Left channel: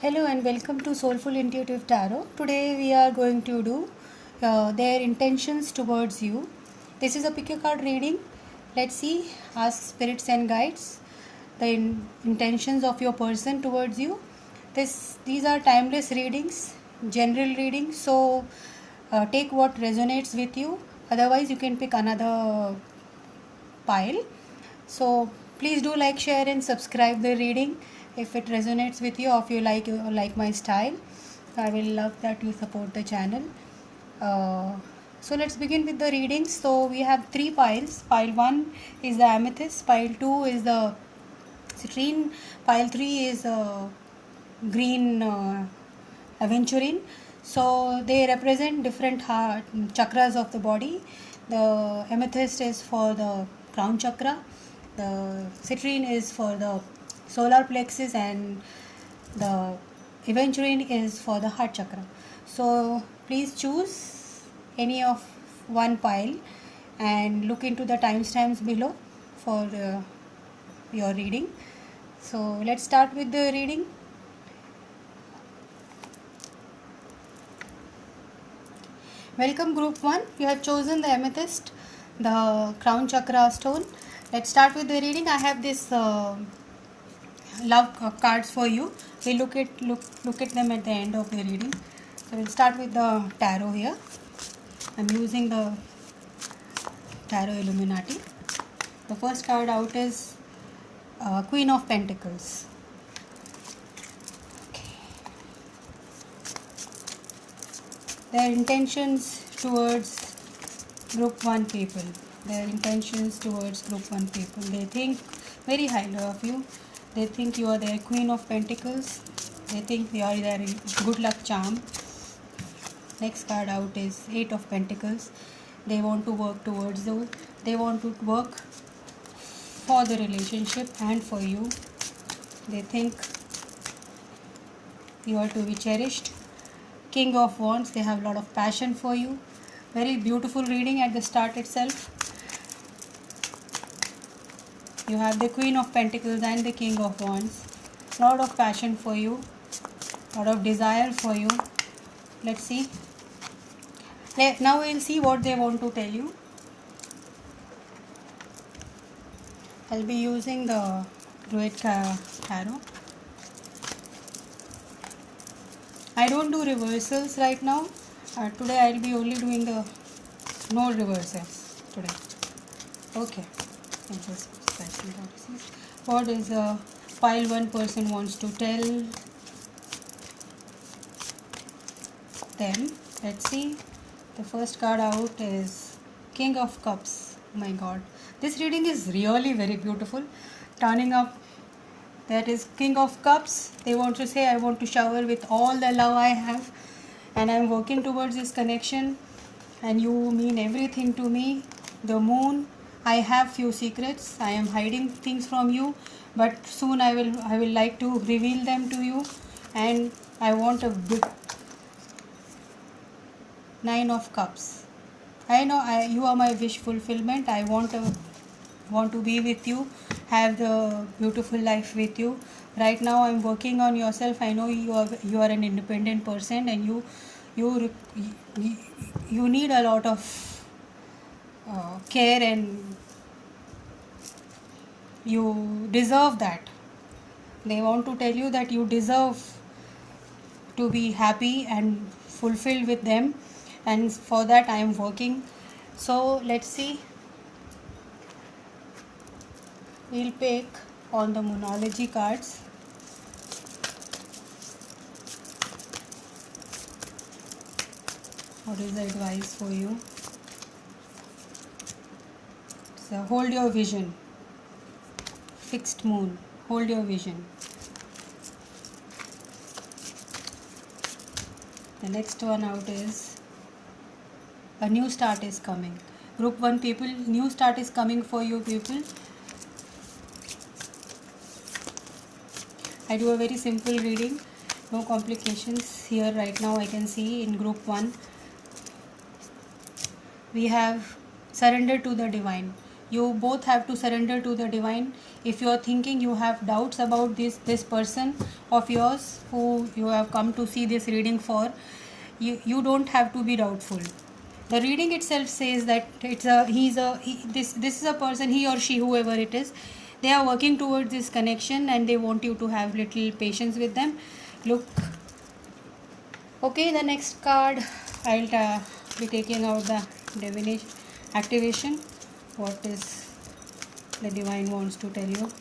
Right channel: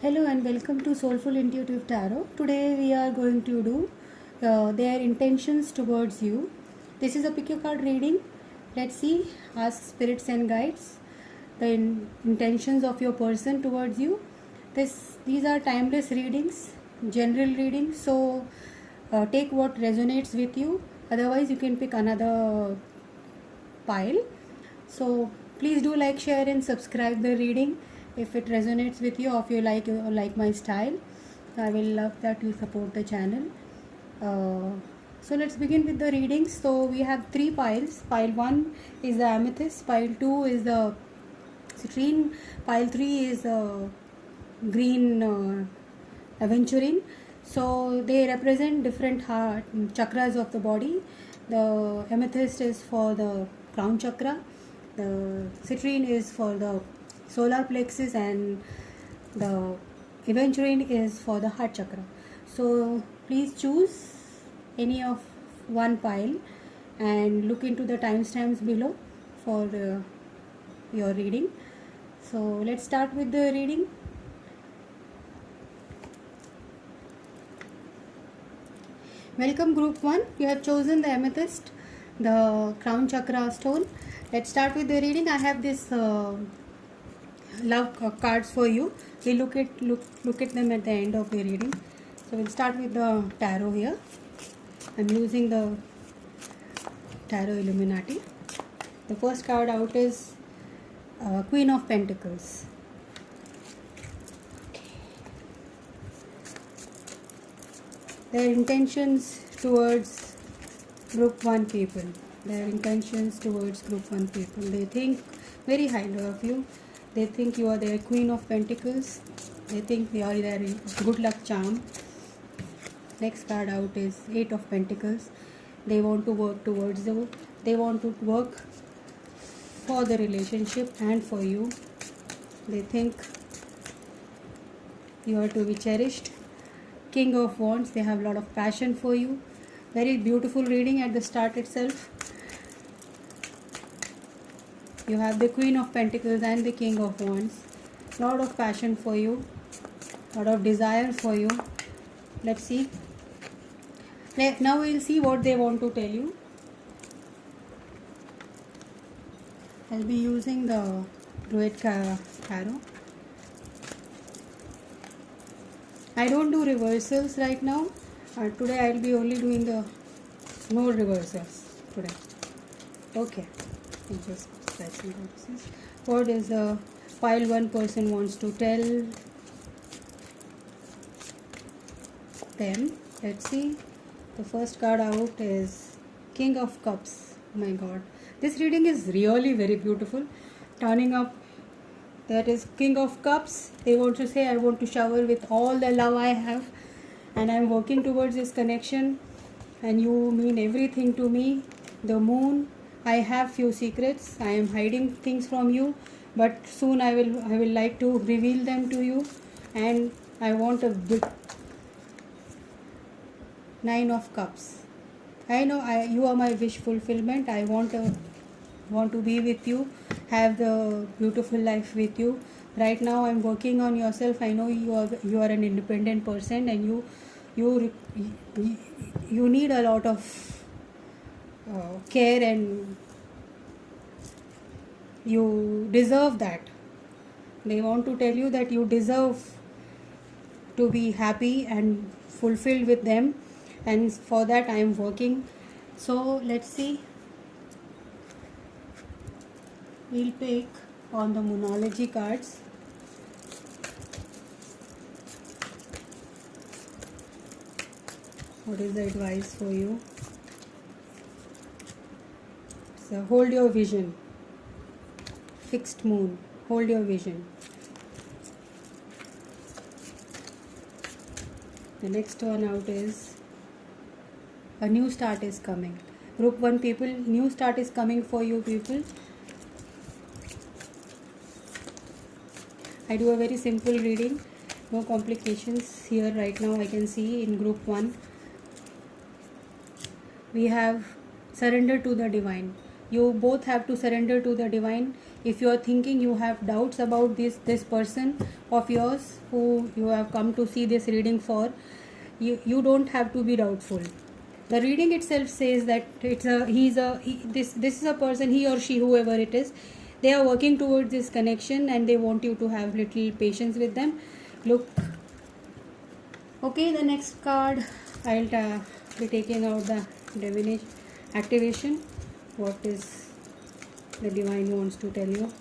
Hello and welcome to Soulful Intuitive Tarot. Today we are going to do their intentions towards you. This is a pick your card reading. Let's see, ask spirits and guides the intentions of your person towards you. These are timeless readings, general readings. So take what resonates with you. Otherwise, you can pick another pile. So please do like, share, and subscribe the reading if it resonates with you, or if you like my style. I will love that you support the channel. So let's begin with the readings. So we have three piles. Pile 1 is the amethyst, pile 2 is the citrine, pile 3 is green aventurine. So they represent different chakras of the body. The amethyst is for the crown chakra, the citrine is for the solar plexus, and the aventurine is for the heart chakra. So please choose any of one pile and look into the timestamps below for your reading. So let's start with the reading. Welcome group 1. You have chosen the amethyst, the crown chakra stone. Let's start with the reading. I have this love cards for you. We look at them at the end of the reading. So we'll start with the tarot here. I'm using the Tarot Illuminati. The first card out is Queen of Pentacles. Their intentions towards group 1 people. Their intentions towards group 1 people. They think very highly of you. They think you are their Queen of Pentacles. They think you are their good luck charm. Next card out is Eight of Pentacles. They want to work towards you. They want to work for the relationship and for you. They think you are to be cherished. King of Wands. They have a lot of passion for you. Very beautiful reading at the start itself. You have the Queen of Pentacles and the King of Wands. Lot of passion for you. Lot of desire for you. Let's see. Now we'll see what they want to tell you. I'll be using the Druid Tarot. I don't do reversals right now. Today I'll be only doing the no reversals today. Okay. What is the pile 1 person wants to tell them? Let's see. The first card out is King of Cups. Oh my God. This reading is really very beautiful. Turning up, that is King of Cups. They want to say, I want to shower with all the love I have, and I'm working towards this connection, and you mean everything to me. The Moon. I have few secrets. I am hiding things from you, but soon I will like to reveal them to you, and I want a big Nine of Cups. I know you are my wish fulfillment. I want to be with you, have the beautiful life with you. Right now I'm working on yourself. I know you are an independent person, and you need a lot of care, and you deserve that. They want to tell you that you deserve to be happy and fulfilled with them, and for that I am working. So let's see. We'll pick on the Moonology cards. What is the advice for you? So hold your vision. Fixed Moon. Hold your vision. The next one out is a new start is coming. Group 1 people, new start is coming for you people. I do a very simple reading. No complications here right now. I can see in group 1. We have surrender to the divine. You both have to surrender to the divine. If you are thinking you have doubts about this person of yours who you have come to see this reading for, you don't have to be doubtful. The reading itself says that this is a person, he or she, whoever it is, they are working towards this connection and they want you to have little patience with them. Look. Okay, the next card, I'll be taking out the divination activation. What is the divine wants to tell you?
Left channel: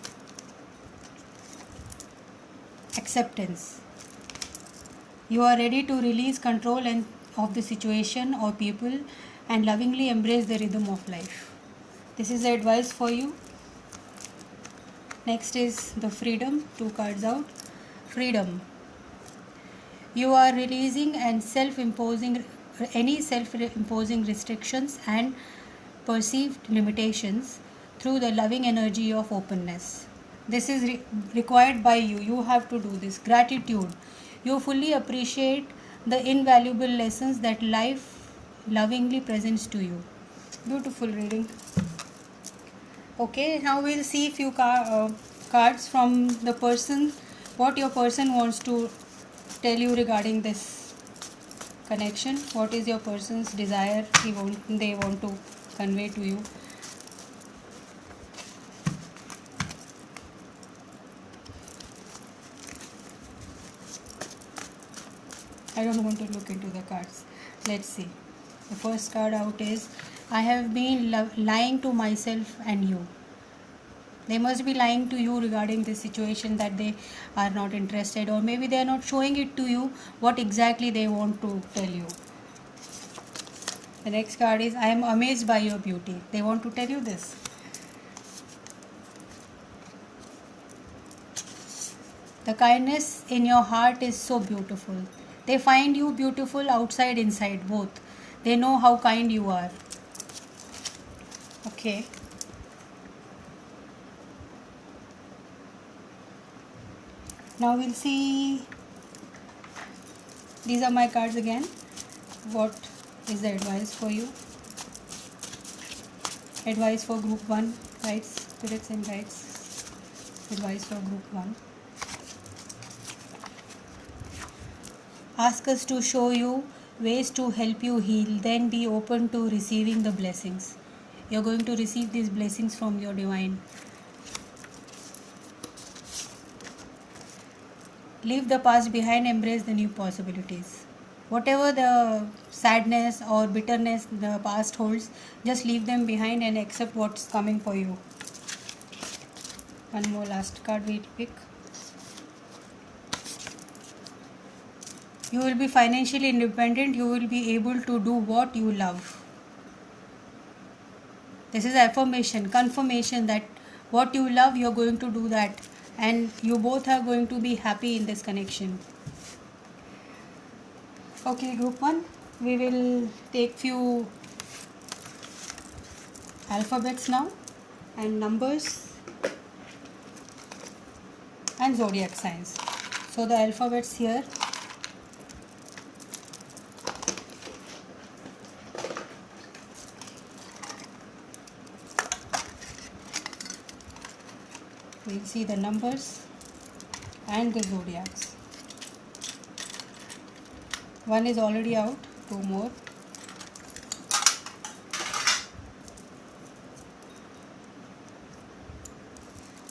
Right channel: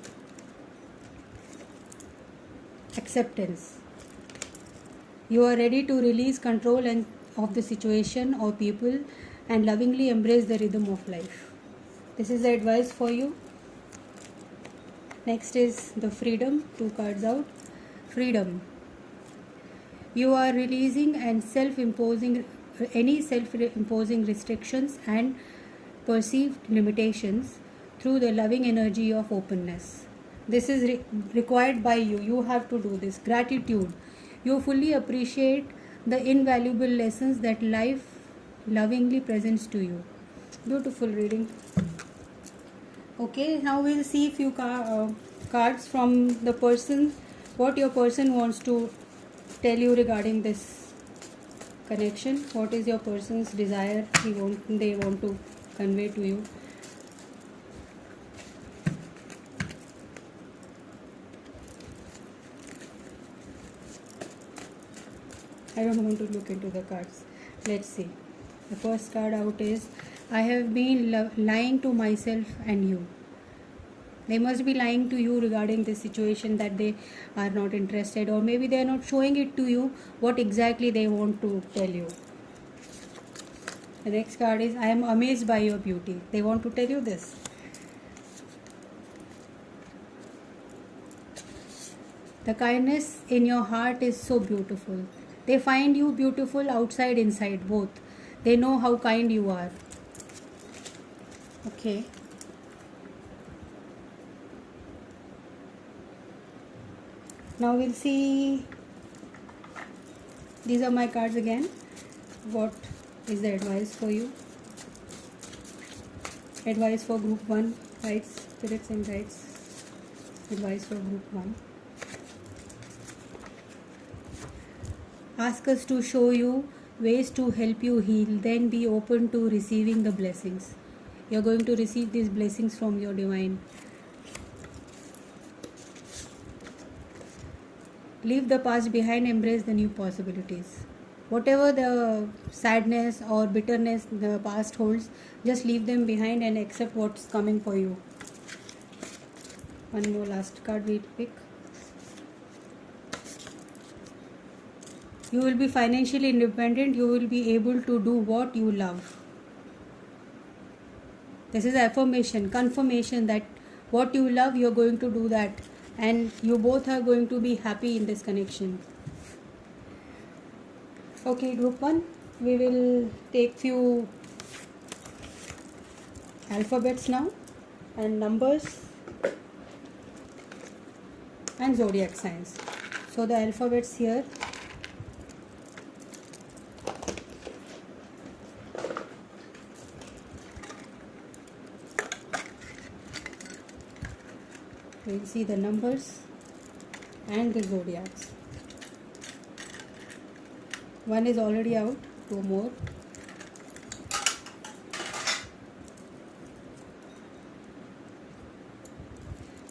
Acceptance. You are ready to release control of the situation or people and lovingly embrace the rhythm of life. This is the advice for you. Next is the freedom. 2 cards out. Freedom. You are releasing and self-imposing restrictions and perceived limitations through the loving energy of openness. This is required by you. You have to do this. Gratitude. You fully appreciate the invaluable lessons that life lovingly presents to you. Beautiful reading. Okay, now we'll see few cards from the person. What your person wants to tell you regarding this connection. What is your person's desire they want to convey to you? I don't want to look into the cards. Let's see. The first card out is, I have been lying to myself and you. They must be lying to you regarding this situation, that they are not interested, or maybe they are not showing it to you what exactly they want to tell you. The next card is, I am amazed by your beauty. They want to tell you this. The kindness in your heart is so beautiful. They find you beautiful outside, inside, both. They know how kind you are. Okay. Now we'll see. These are my cards again. What is the advice for you? Advice for group 1. Guides, spirits and guides. Advice for group 1. Ask us to show you ways to help you heal. Then be open to receiving the blessings. You're going to receive these blessings from your divine. Leave the past behind, embrace the new possibilities. Whatever the sadness or bitterness the past holds, just leave them behind and accept what's coming for you. One more last card we'll pick. You will be financially independent. You will be able to do what you love. This is affirmation, confirmation that what you love, you're going to do that. And you both are going to be happy in this connection. Okay, group 1. We will take few alphabets now and numbers and zodiac signs. So the alphabets here. We'll see the numbers and the zodiacs. One is already out, 2 more.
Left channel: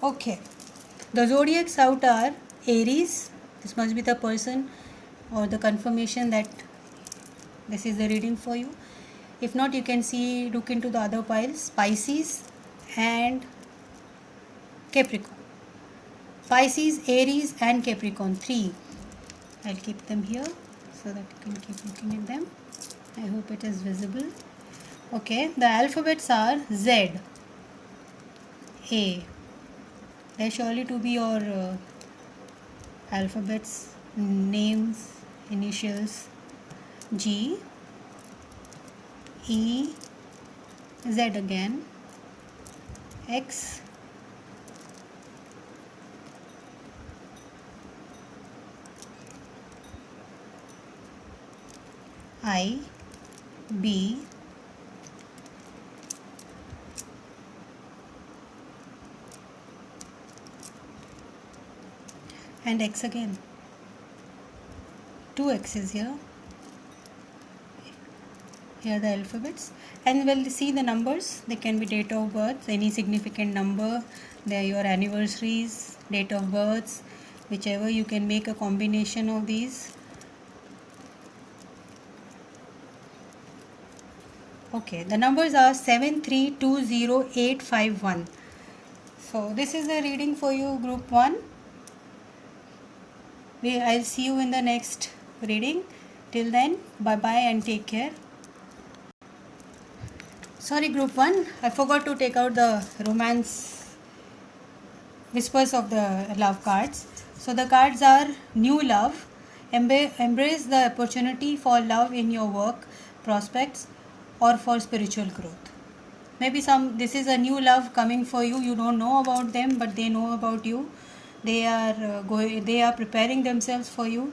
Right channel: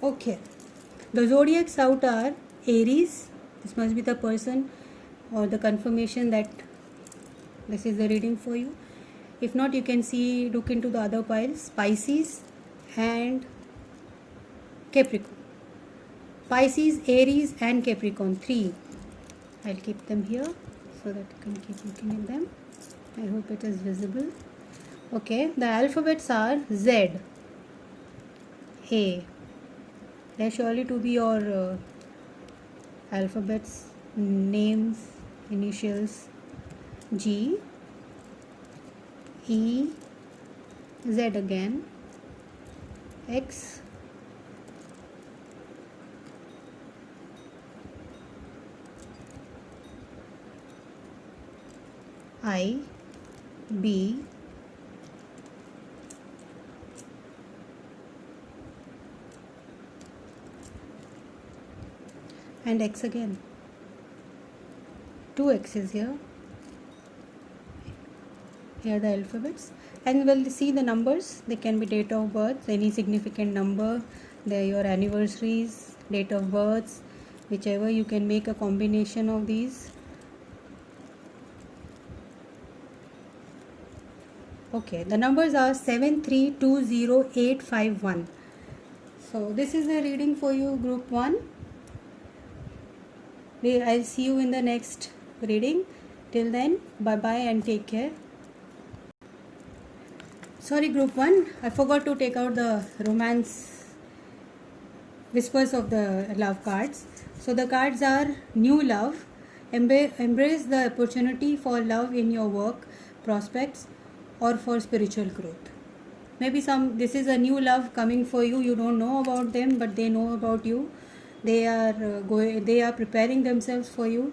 Okay, the zodiacs out are Aries. This must be the person or the confirmation that this is the reading for you. If not, you can see, look into the other piles. Pisces and Capricorn. Pisces, Aries and Capricorn, 3. I'll keep them here so that you can keep looking at them. I hope it is visible. Okay, the alphabets are Z, A. They're surely to be your alphabets, names, initials. G, E, Z again, X, I, B, and X again. 2 X's here. Here are the alphabets, and we'll see the numbers. They can be date of birth, any significant number, they are your anniversaries, date of births, whichever. You can make a combination of these. Okay, the numbers are 7320851. So this is the reading for you, group 1. I'll see you in the next reading. Till then, bye bye and take care. Sorry, group 1, I forgot to take out the romance whispers of the love cards. So the cards are new love, embrace the opportunity for love in your work prospects or for spiritual growth. Maybe this is a new love coming for you. You don't know about them, but they know about you. They are preparing themselves for you.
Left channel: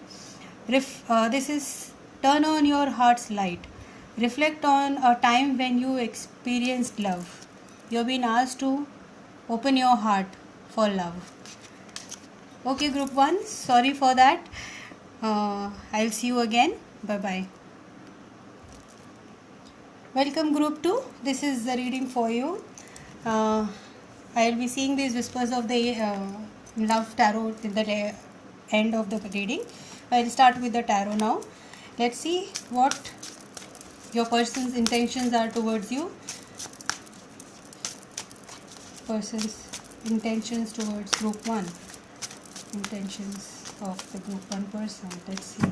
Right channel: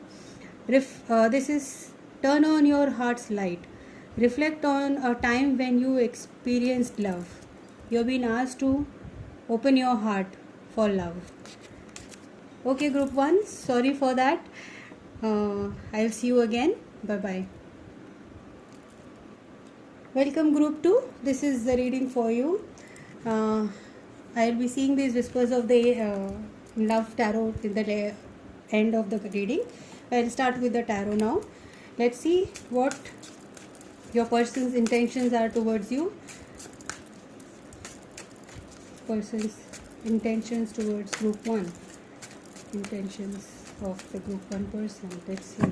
This is turn on your heart's light. Reflect on a time when you experienced love. You have been asked to open your heart for love. Okay, group 1, sorry for that. I'll see you again. Bye bye. Welcome, group 2. This is the reading for you. I'll be seeing these whispers of the love tarot till the end of the reading. I'll start with the tarot now. Let's see what your person's intentions are towards you. Person's intentions towards group 1. Intentions of the group 1 person. Let's see.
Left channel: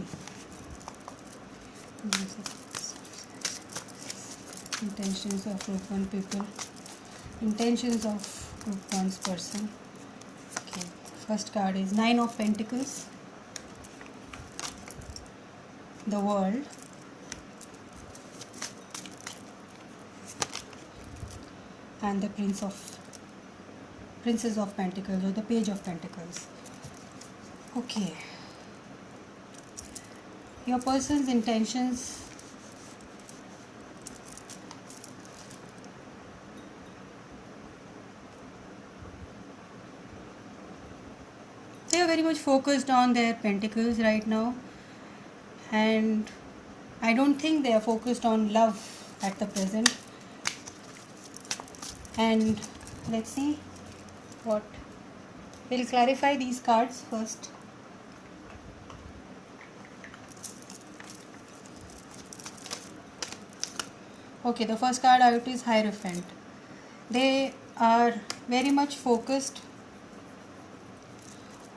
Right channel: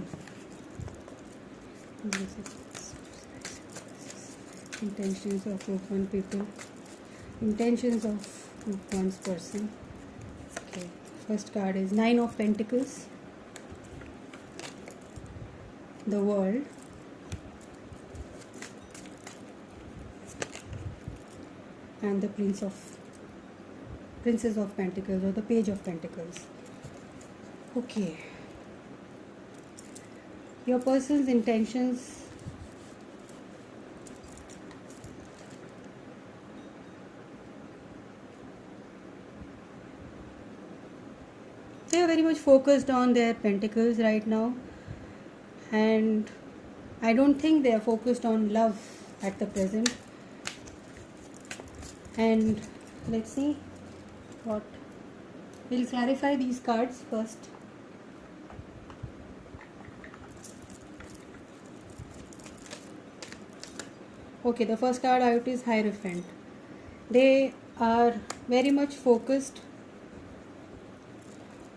Intentions of group 1 people. Intentions of group 1's person. Okay. First card is 9 of Pentacles. The World. And the Princess of Pentacles or the Page of Pentacles. Okay. Your person's intentions. They are very much focused on their pentacles right now, and I don't think they are focused on love at the present. And let's see what we'll clarify these cards first. Okay, the first card out is Hierophant. They are very much focused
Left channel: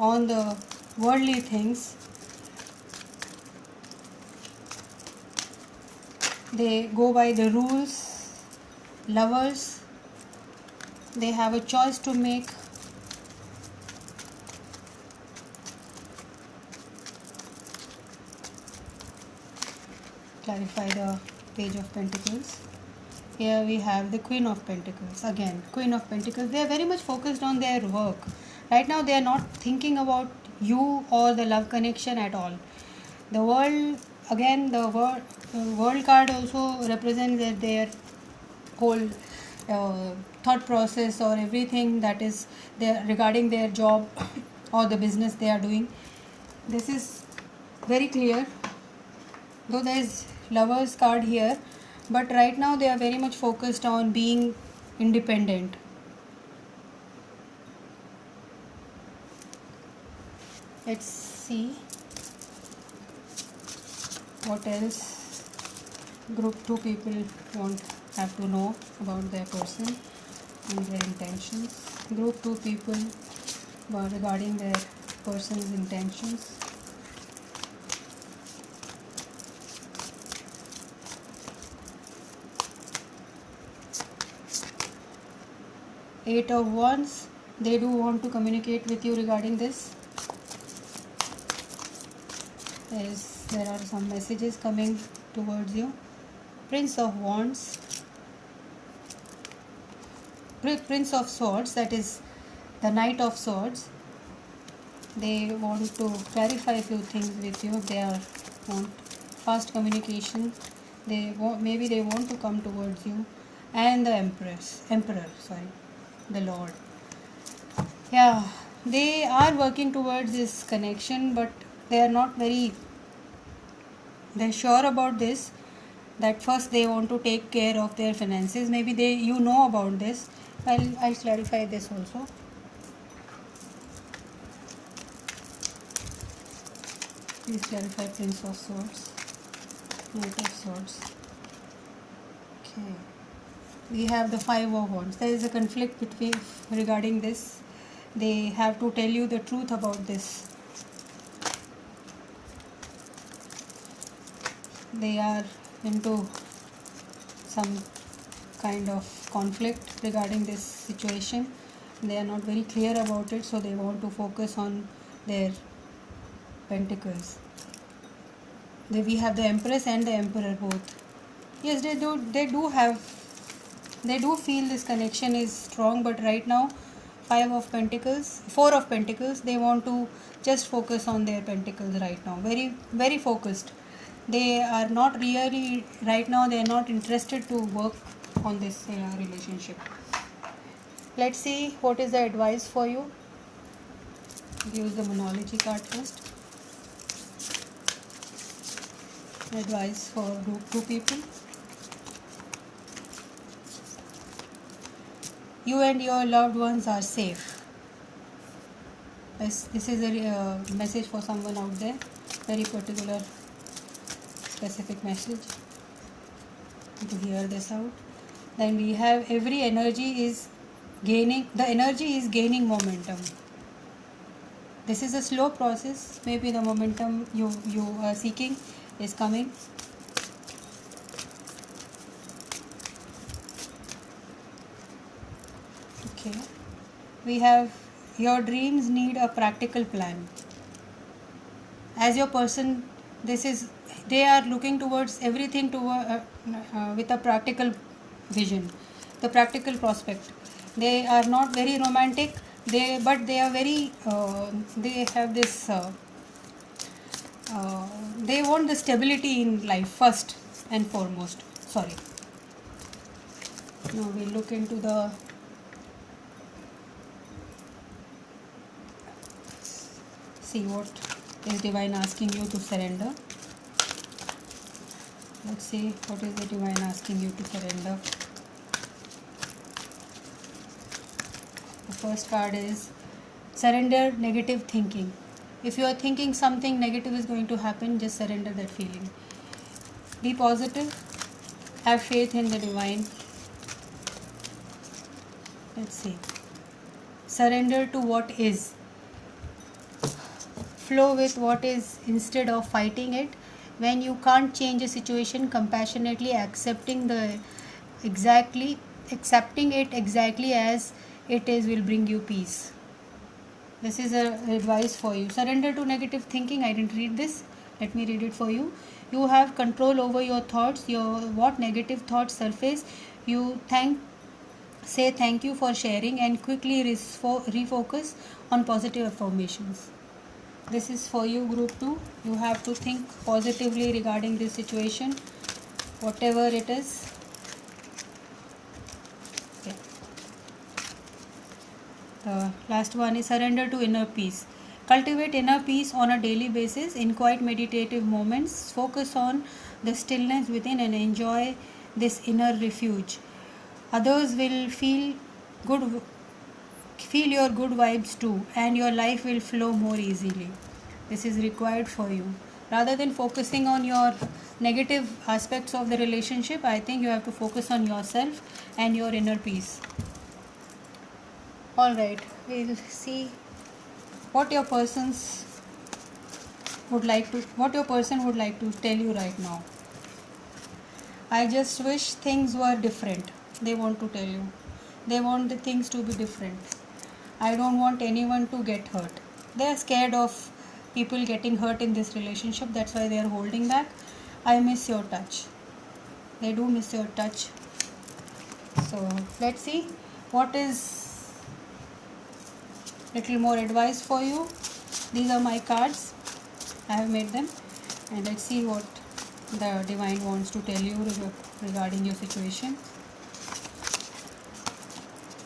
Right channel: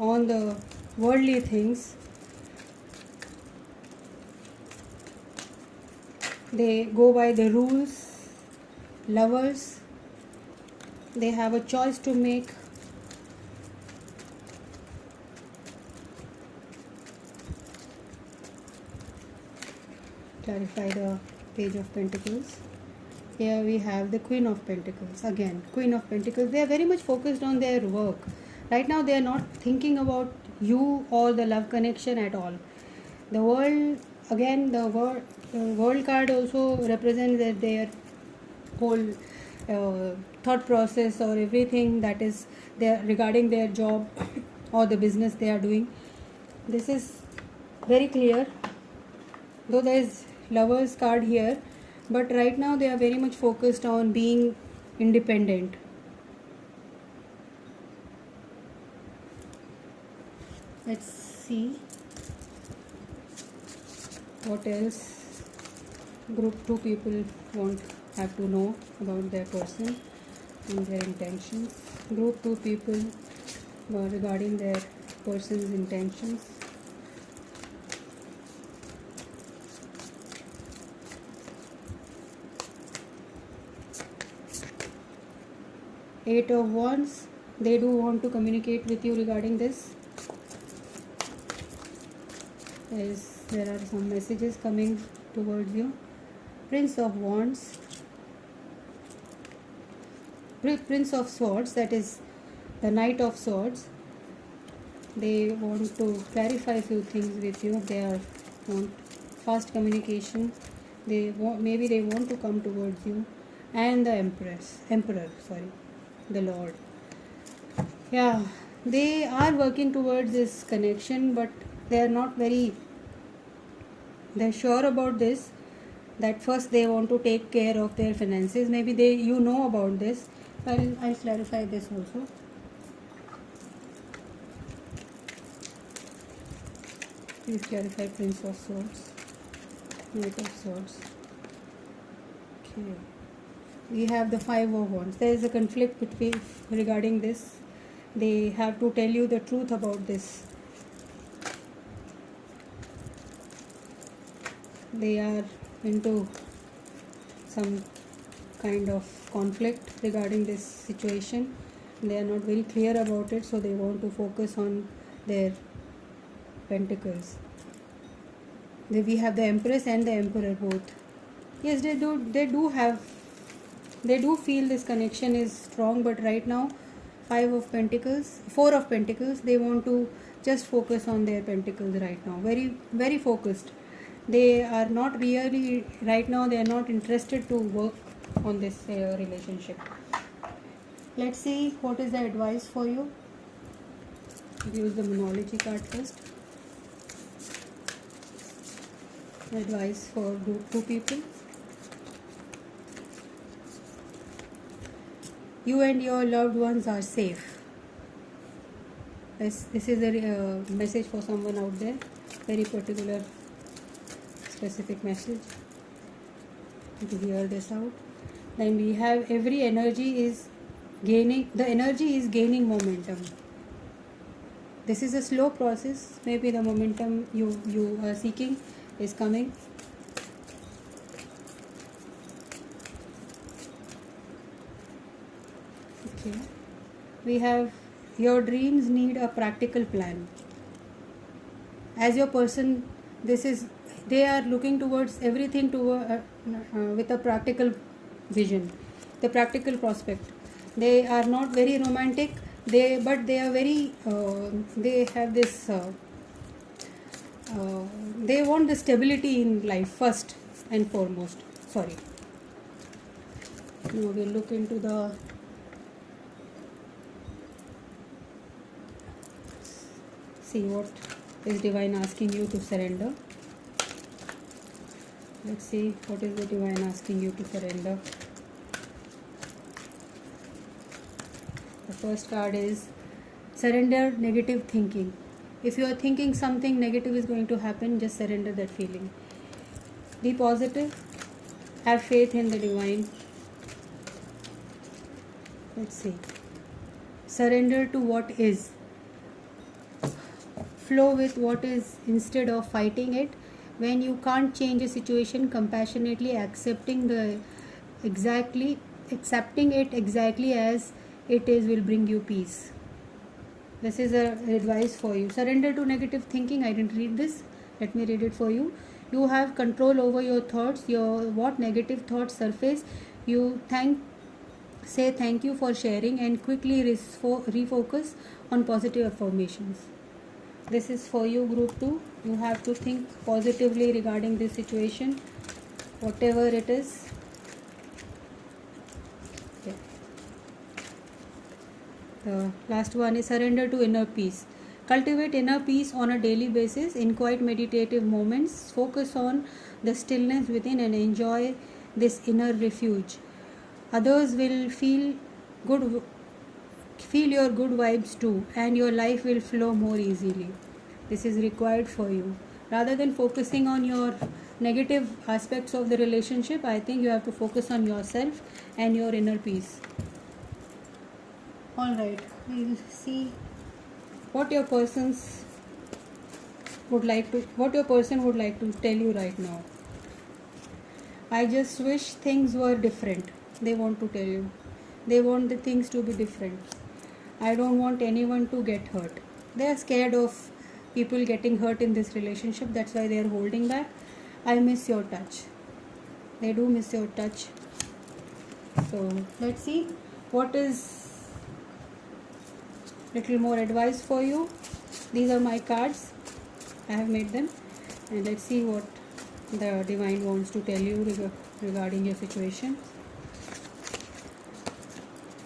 on the worldly things. They go by the rules. Lovers, they have a choice to make. Clarify the Page of Pentacles. Here we have the Queen of Pentacles. Again, Queen of Pentacles. They are very much focused on their work. Right now they are not thinking about you or the love connection at all. The World, again, the world card also represents that their whole thought process or everything that is there regarding their job or the business they are doing. This is very clear, though there is Lovers card here, but right now they are very much focused on being independent. Let's see what else group 2 people have to know about their person and their intentions. Group 2 people regarding their person's intentions. Eight of Wands. They do want to communicate with you regarding this. There are some messages coming towards you. Prince of Wands. Prince of Swords, that is the Knight of Swords. They want to clarify a few things with you. They want fast communication. Maybe they want to come towards you. And the Emperor, the Lord. Yeah, They are working towards this connection, but they are not very, they're sure about this, that first they want to take care of their finances. Maybe they, you know about this. Well, I'll clarify this also. Please clarify Prince of Swords, Knight of Swords. Okay. We have the Five of Wands. There is a conflict between regarding this. They have to tell you the truth about this. They are into some kind of conflict regarding this situation. They are not very clear about it, so they want to focus on their pentacles. We have the Empress and the Emperor both. Yes, they do feel this connection is strong, but right now Four of Pentacles, they want to just focus on their pentacles right now. Very, very focused. They are not really, right now they are not interested to work on this relationship. Let's see what is the advice for you. Use the Monology card first. Advice for two people. You and your loved ones are safe. This is a message for someone out there. Very particular, specific message. To hear this out. Then we have every energy is gaining. The energy is gaining momentum. This is a slow process. Maybe the momentum you are seeking is coming. Okay. We have your dreams need a practical plan. As your person, they are looking towards everything with a practical vision, the practical prospect. They are not very romantic. But they are very. They have this. They want the stability in life first and foremost. Sorry. Now we'll look into the. See what is Divine asking you to surrender. Let's see what is the Divine asking you to surrender. The first card is surrender negative thinking. If you are thinking something negative is going to happen, just surrender that feeling. Be positive. Have faith in the Divine. Let's see. Surrender to what is. Flow with what is instead of fighting it. When you can't change a situation, compassionately accepting it exactly as it is will bring you peace. This is advice for you. Surrender to negative thinking. I didn't read this. Let me read it for you. You have control over your thoughts. What negative thoughts surface, you say thank you for sharing and quickly refocus on positive affirmations. This is for you, group 2. You have to think positively regarding this situation, whatever it is. Okay. The last one is surrender to inner peace. Cultivate inner peace on a daily basis in quiet meditative moments. Focus on the stillness within and enjoy this inner refuge. Others will feel your good vibes too, and your life will flow more easily. This is required for you. Rather than focusing on your negative aspects of the relationship, I think you have to focus on yourself and your inner peace. Alright, we'll see what your person would like to tell you right now. I just wish things were different. They want to tell you. They want the things to be different. I don't want anyone to get hurt. They are scared of people getting hurt in this relationship. That's why they are holding back. I miss your touch. They do miss your touch. So let's see what is little more advice for you. These are my cards. I have made them, and let's see what the Divine wants to tell you regarding your situation.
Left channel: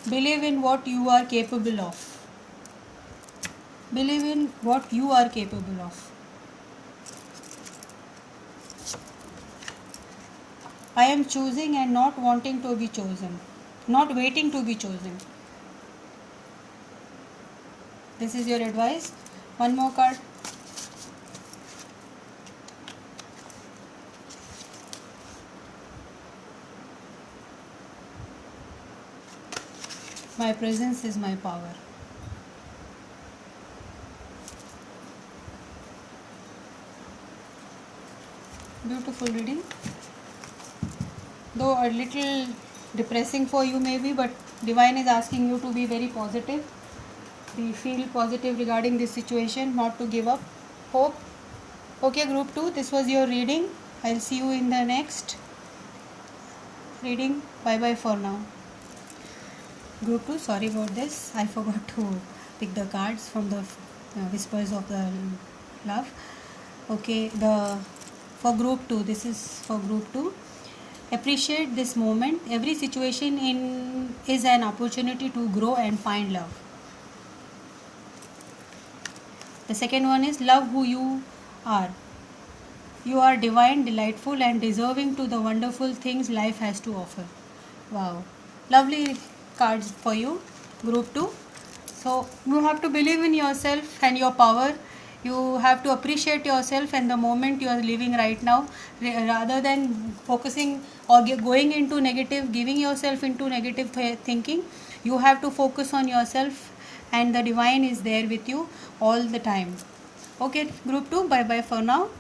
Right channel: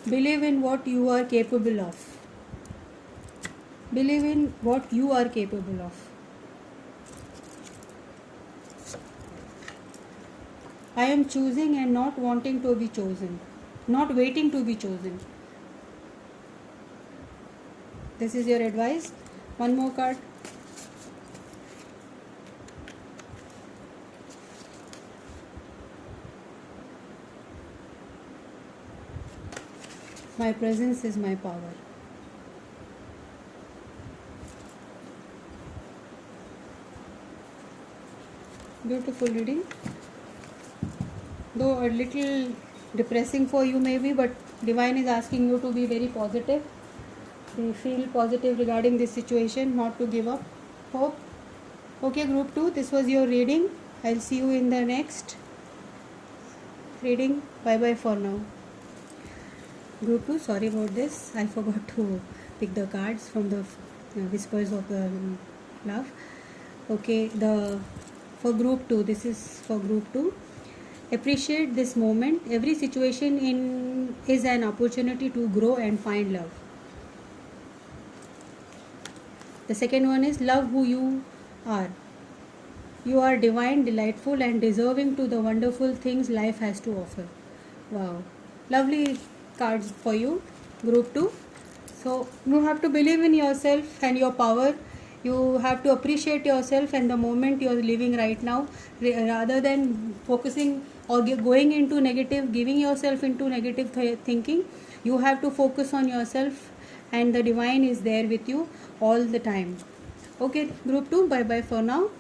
Believe in what you are capable of. Believe in what you are capable of. I am choosing and not wanting to be chosen, not waiting to be chosen. This is your advice. One more card. My presence is my power. Beautiful reading. Though a little depressing for you maybe, but Divine is asking you to be very positive. We feel positive regarding this situation, not to give up. Hope. Okay, group 2, this was your reading. I'll see you in the next reading. Bye bye for now. Group 2, sorry about this. I forgot to pick the cards from the Whispers of the Love. Okay, for group 2, this is for group 2. Appreciate this moment. Every situation is an opportunity to grow and find love. The second one is love who you are. You are divine, delightful, and deserving to the wonderful things life has to offer. Wow. Lovely cards for you, group 2. So you have to believe in yourself and your power. You have to appreciate yourself and the moment you are living right now, rather than focusing or going into negative, giving yourself into negative thinking. You have to focus on yourself, and the divine is there with you all the time. Okay, group 2, bye bye for now.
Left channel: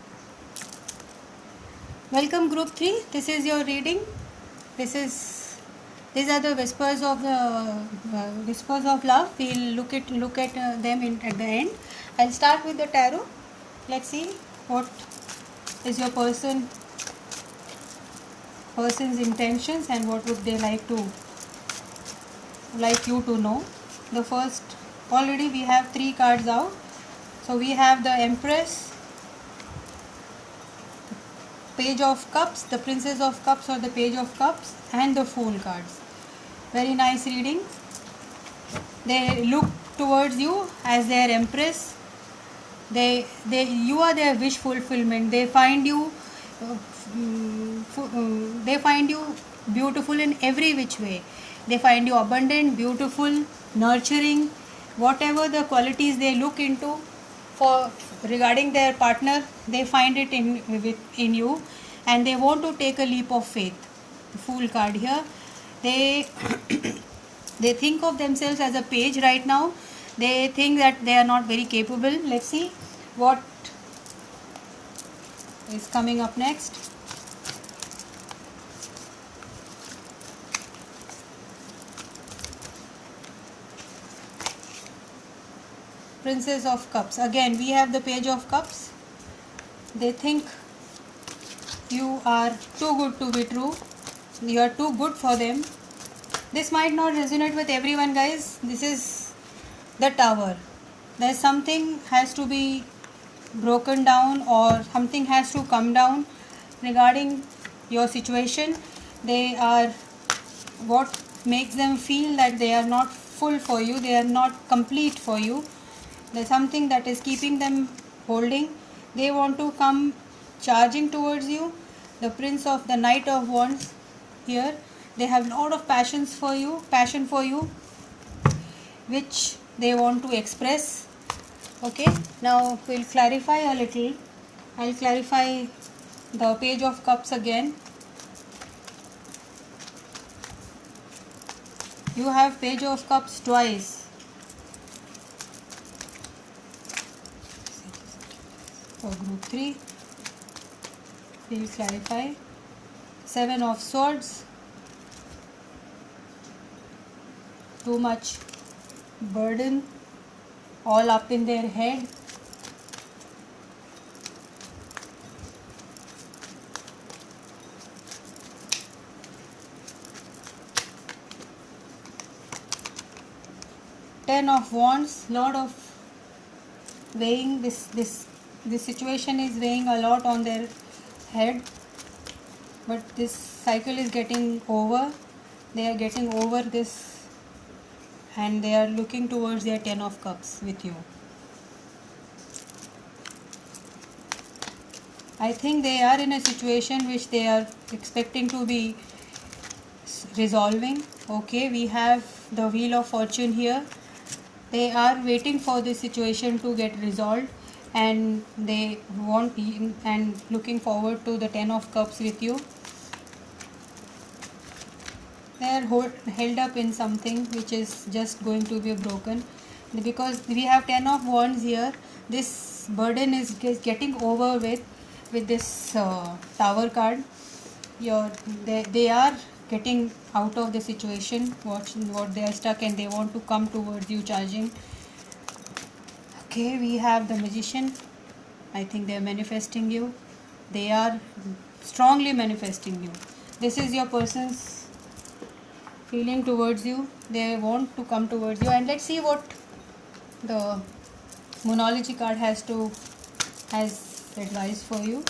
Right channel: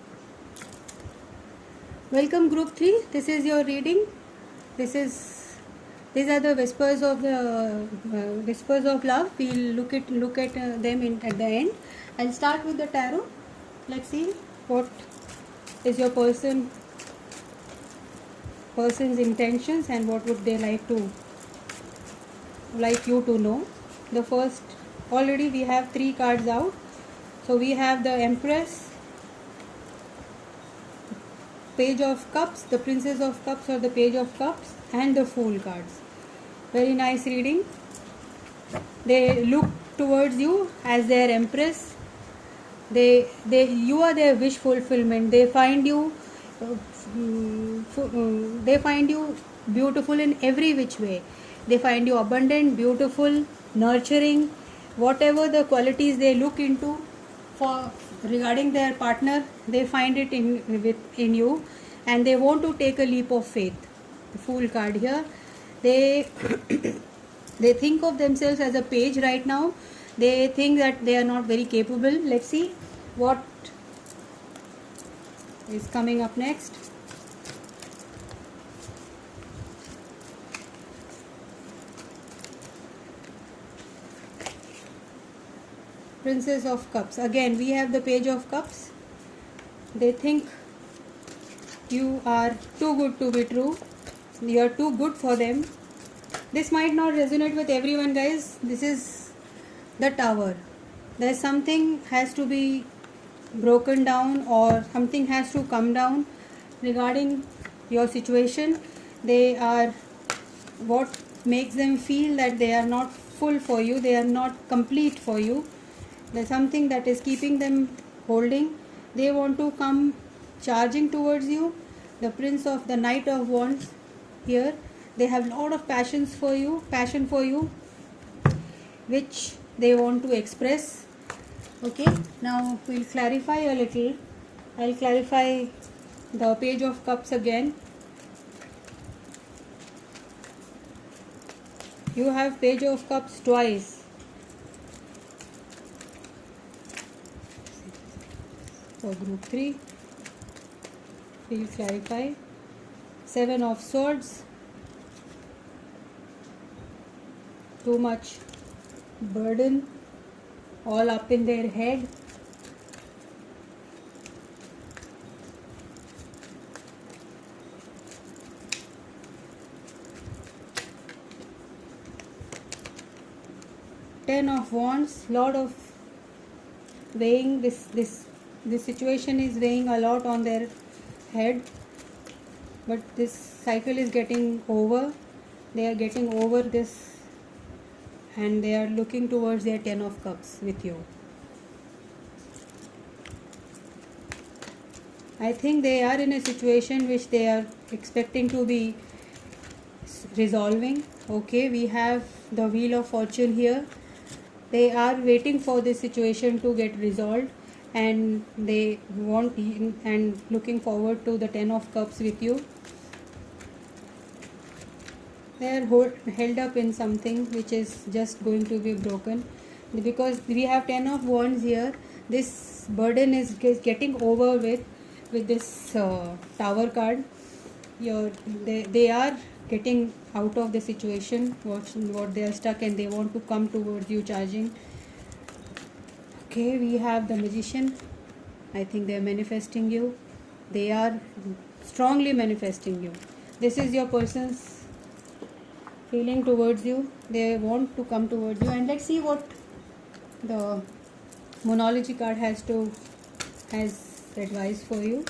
Welcome group 3. This is your reading. These are the whispers of love. We'll look at them at the end. I'll start with the tarot. Let's see what is your person's intentions and what would they like you to know. The first, already we have 3 cards out. So we have the Empress, Page of Cups, the Princess of Cups or the Page of Cups, and the Fool cards. Very nice reading. They look towards you as their Empress. You are their wish fulfillment. They find you beautiful in every which way. They find you abundant, beautiful, nurturing. Whatever the qualities they look into for regarding their partner, they find it in you, and they want to take a leap of faith. The Fool card here. They they think of themselves as a page right now. They think that they are not very capable. Let's see what is coming up next. Princess of Cups. Again, we have the Page of Cups. They think you are too good to be true. You are too good for them. This might not resonate with everyone, guys. This is the Tower. There's something has to be broken down, or something has to come down regarding your situation. They are, what makes them feel that they are not full for you, they are not complete for you. There's something that is keeping them holding. They want to come charging towards you. The Knight of Wands here. They have a lot of passion for you, which they want to express. Okay, now we'll clarify a little. I'll clarify the Page of Cups again. You have Page of Cups twice. For group 3, we'll clarify. 7 of Swords. Too much burden, all up in their head. Ten of Wands, lot of weighing. This situation is weighing a lot on their head, but this cycle is getting over. They are getting over this, and they are looking towards their 10 of Cups with you. I think they are in a situation which they are expecting to be resolving. Okay, we have the Wheel of Fortune here. They are waiting for this situation to get resolved, and they want and looking forward to the 10 of Cups with you. They are held up in something which is just going to be broken, because we have 10 of Wands here. This burden is getting over with this Tower card. They are getting out of the situation, what they are stuck, and they want to come towards you charging. Okay, we have the Magician. I think they are manifesting you. They are strongly manifesting you. This is your person's feeling towards you. They want to come towards you, and let's see what the Moonology card has advice for you.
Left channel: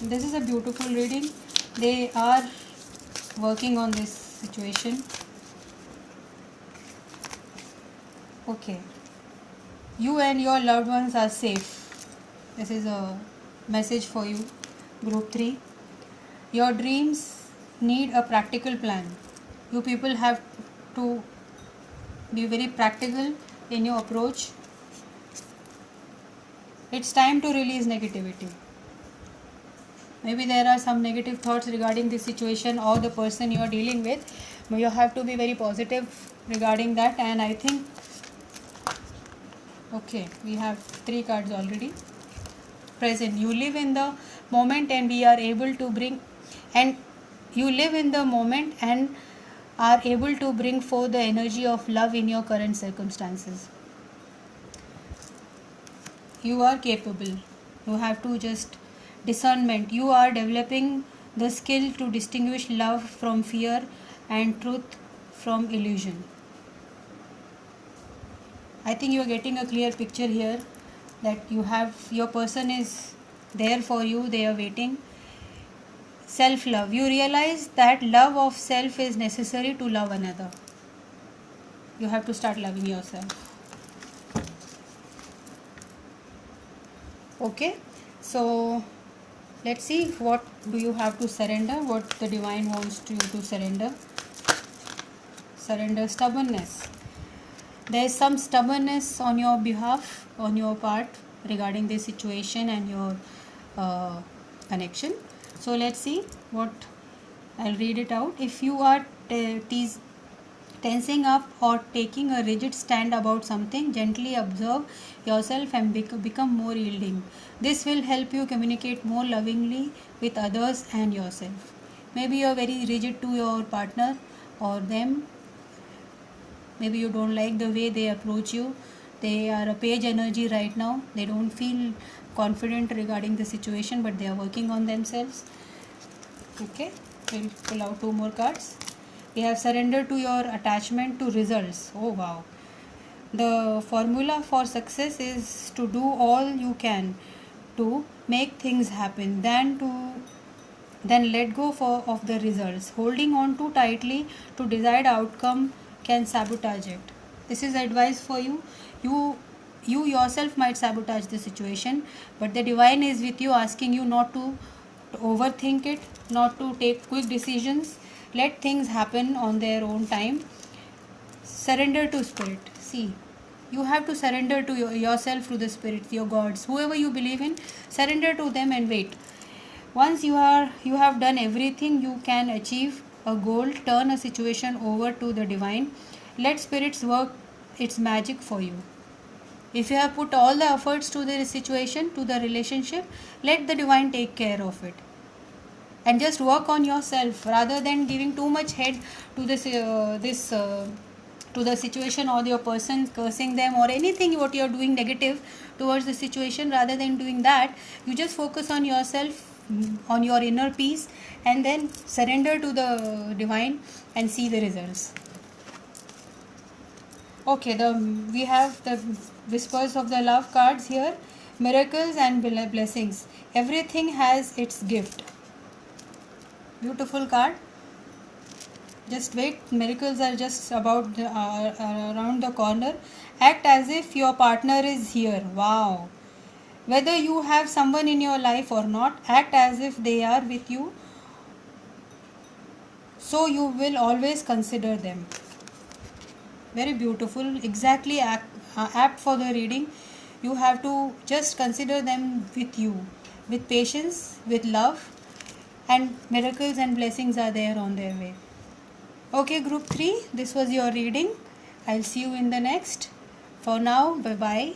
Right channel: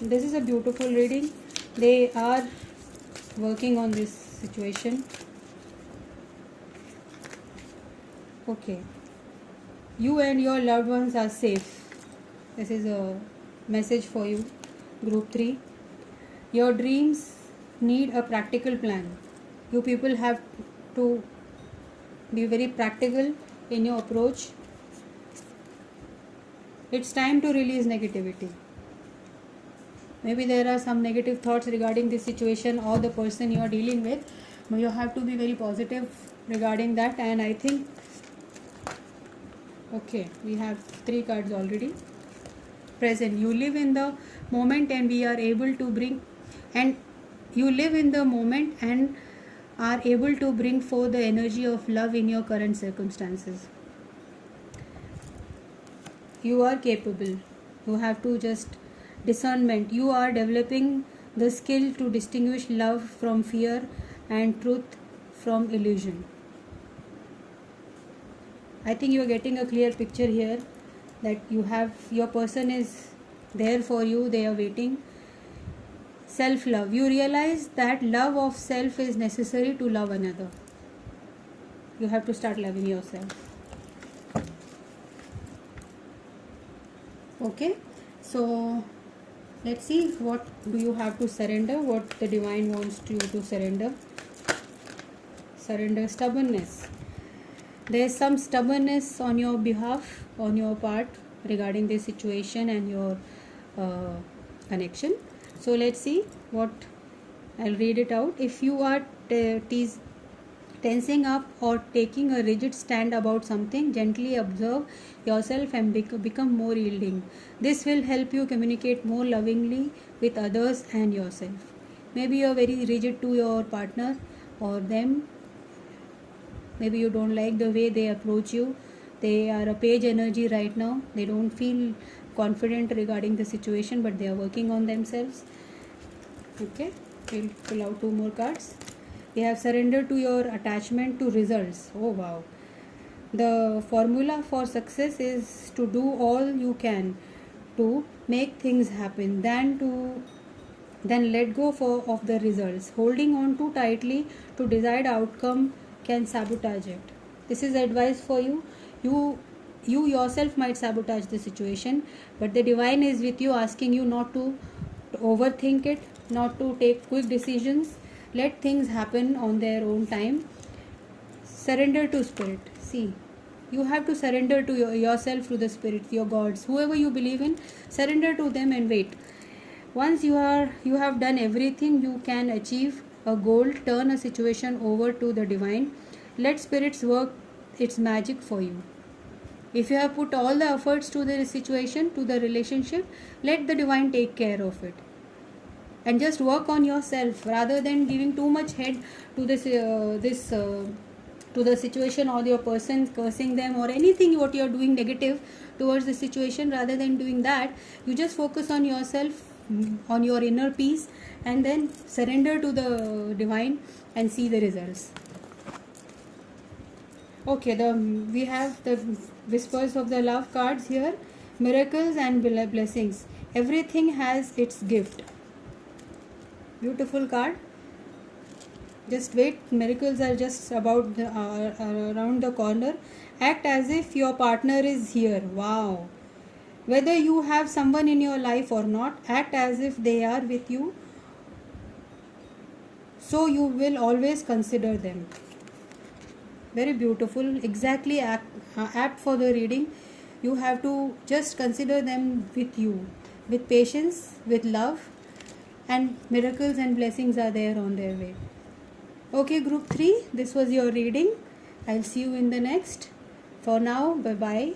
This is a beautiful reading. They are working on this situation. Okay, you and your loved ones are safe. This is a message for you, group 3. Your dreams need a practical plan. You people have to be very practical in your approach. It's time to release negativity. Maybe there are some negative thoughts regarding this situation or the person you are dealing with. You have to be very positive regarding that, and I think, okay, we have 3 cards already. Present. You live in the moment, and we are able to bring, and you live in the moment and are able to bring forth the energy of love in your current circumstances. You are capable. You have to just discernment. You are developing the skill to distinguish love from fear and truth from illusion. I think you are getting a clear picture here that your person is there for you. They are waiting. Self-love. You realize that love of self is necessary to love another. You have to start loving yourself. Okay, so let's see, what do you have to surrender, what the divine wants you to surrender. Surrender stubbornness. There's some stubbornness on your behalf, on your part, regarding this situation and your connection. So let's see what, I'll read it out. If you are tensing up or taking a rigid stand about something, gently observe yourself and become more yielding. This will help you communicate more lovingly with others and yourself. Maybe you're very rigid to your partner or them. Maybe you don't like the way they approach you. They are a page energy right now. They don't feel confident regarding the situation, but they are working on themselves. Okay, we'll pull out 2 more cards. We have surrender to your attachment to results. Oh wow. The formula for success is to do all you can to make things happen, then let go of the results. Holding on too tightly to desired outcome can sabotage it. This is advice for you. You yourself might sabotage the situation, but the divine is with you, asking you not to overthink it, not to take quick decisions. Let things happen on their own time. Surrender to spirit. See, you have to surrender to yourself, to the spirits, your gods, whoever you believe in. Surrender to them and wait. Once you have done everything you can achieve a goal, turn a situation over to the divine. Let spirits work its magic for you. If you have put all the efforts to the situation, to the relationship, let the divine take care of it. And just work on yourself rather than giving too much head to to the situation or your person, cursing them or anything what you are doing negative towards the situation. Rather than doing that, you just focus on yourself, on your inner peace, and then surrender to the divine and see the results. Okay, we have the whispers of the love cards here. Miracles and blessings. Everything has its gift. Beautiful card. Just wait, miracles are just about around the corner. Act as if your partner is here. Wow. Whether you have someone in your life or not, act as if they are with you, so you will always consider them. Very beautiful, exactly apt for the reading. You have to just consider them with you, with patience, with love, and miracles and blessings are there on their way. Okay, group 3, this was your reading. I'll see you in the next. For now, bye bye.